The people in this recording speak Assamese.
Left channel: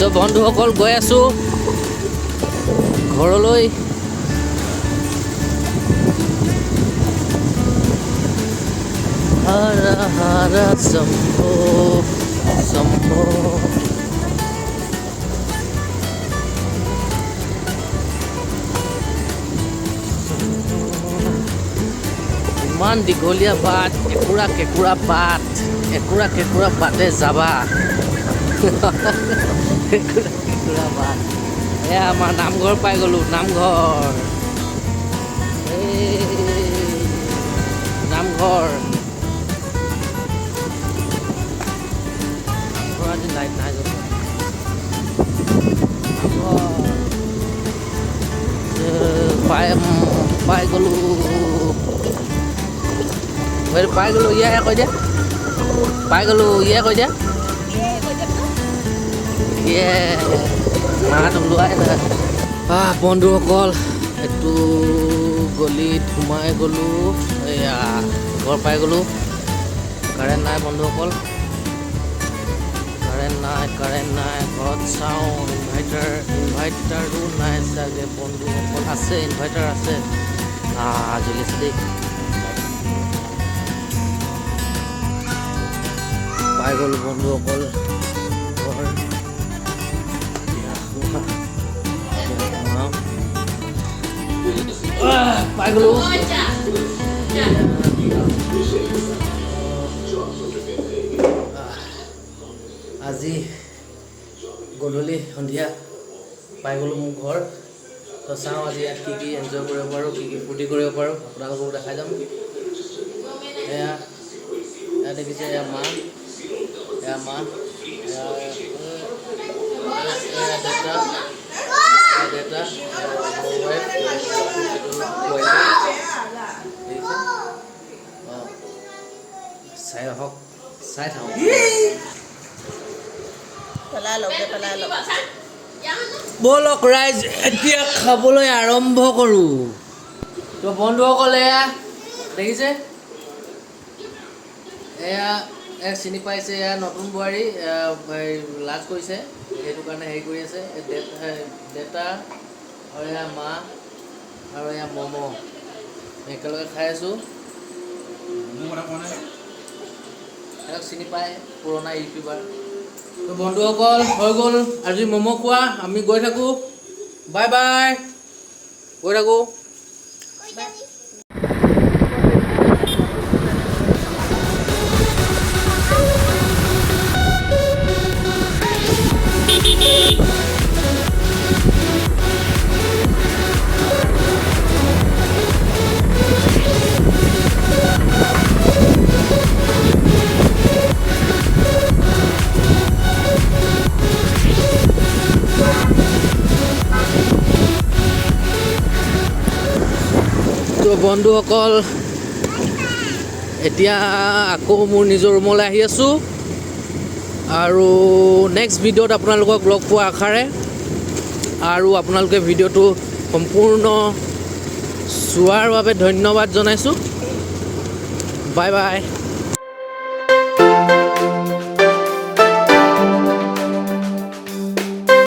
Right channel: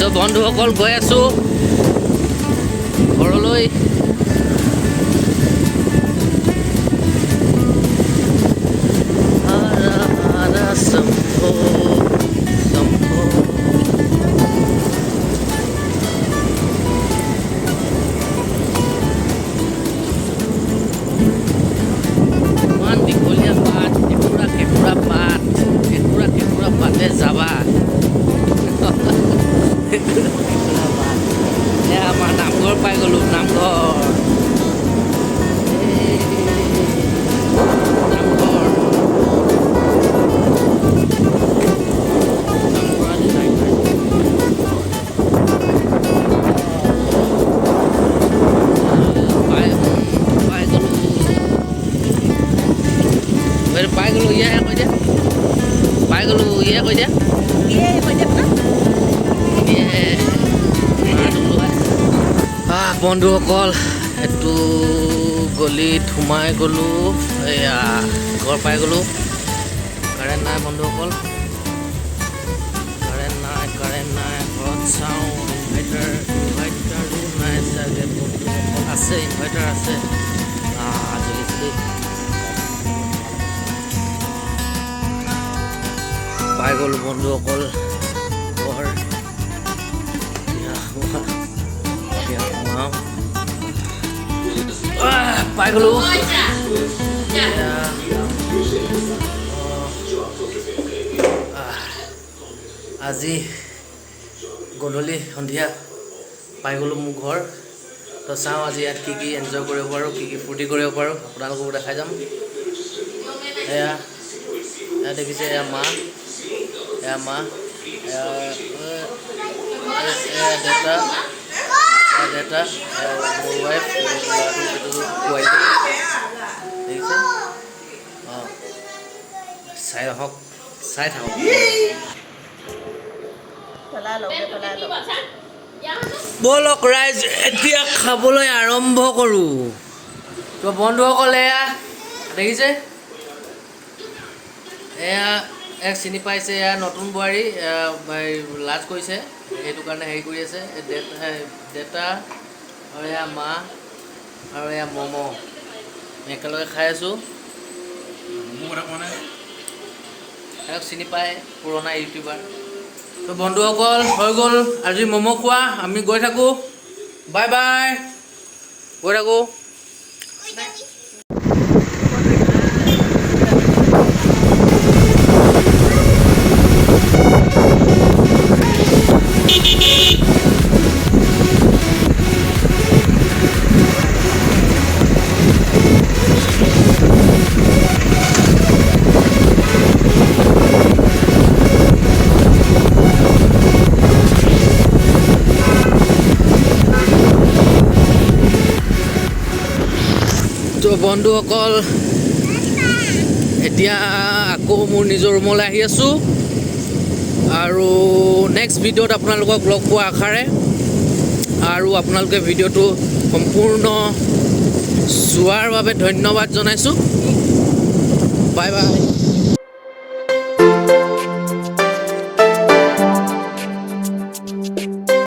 তো বন্ধুসকল গৈ আছো ঘৰলৈ। হৰ হৰ শম্ভো শম্ভো ইমান দীঘলীয়া বাট, কেঁকুৰা পাত, কেঁকুৰা পাতে যাবা। কেঁকুৰা পাত এয়া আমাৰ নামঘৰ পাই গ'লো। নামঘৰ আজি লাইট নাই। পাই গ'লো ইয়ে কৈ দিয়া। পাই গ'লো ইয়ে কৈ দিয়া। বন্ধুসকল এইটো গলিত সোমাই গ'লো। এয়া ঘৰ পাই গ'লো। কাৰেণ্ট নাই বন্ধুসকল, কাৰেণ্ট নাই। ঘৰত চাওঁ ইনভাৰ্টাৰো নাই চাগে বন্ধুসকল। আছে ইনভাৰ্টাৰ আছে। জ্বলিছে দেই। পাই গ'লো বন্ধুসকল ঘৰ। পাই গ'লো। আজি গধূলি সন্ধিয়া পাই গ'লোঁ মোৰ ঘৰ। তো চাওঁ আজি ইয়াত কি এনজয় কৰিব পাৰোঁ, কি ফূৰ্তি কৰিব পাৰোঁ, আপোনালোককো দেখাই যাম। এয়া দেখিছে, এয়া মা, দেউতা, মোৰ ৱাইফ, দেখিছে। চাই থাকক। ব'লক ৰাইজ এতিয়া খাবলৈ আৰম্ভ কৰোঁ। তো বন্ধুসকল এয়া দেখিছে, এয়া চিনি পাইছে। এয়া নতুন বোৱাৰী লাজ কৰিছে, সেইটো কাৰণে হেৰি কৰি আছে। দেউতা আৰু এয়া মা আৰু এয়া ম'ম' একেলগে খাই আছোঁ। তেওঁক চিনি পায়, পুৰণা ইউটিউবাৰ। তো বন্ধুসকল হৈ গ'ল আজি ম'ম' খোৱা। আমি গৈ থাকোঁ। বাই বাই, গৈ থাকোঁ। তো বন্ধুসকল এতিয়া আকৌ মোৰ নিজৰ ৰুমলৈ আহি আছোঁ। আৰু নেক্সট ভিডিঅ'ত আপোনালোকক লগ পোৱা আশাৰে, আৰু আপোনালোকে ভিডিঅ'টো সম্পূৰ্ণ চোৱাৰ বাবে ধন্যবাদ জনাইছোঁ। Bye bye.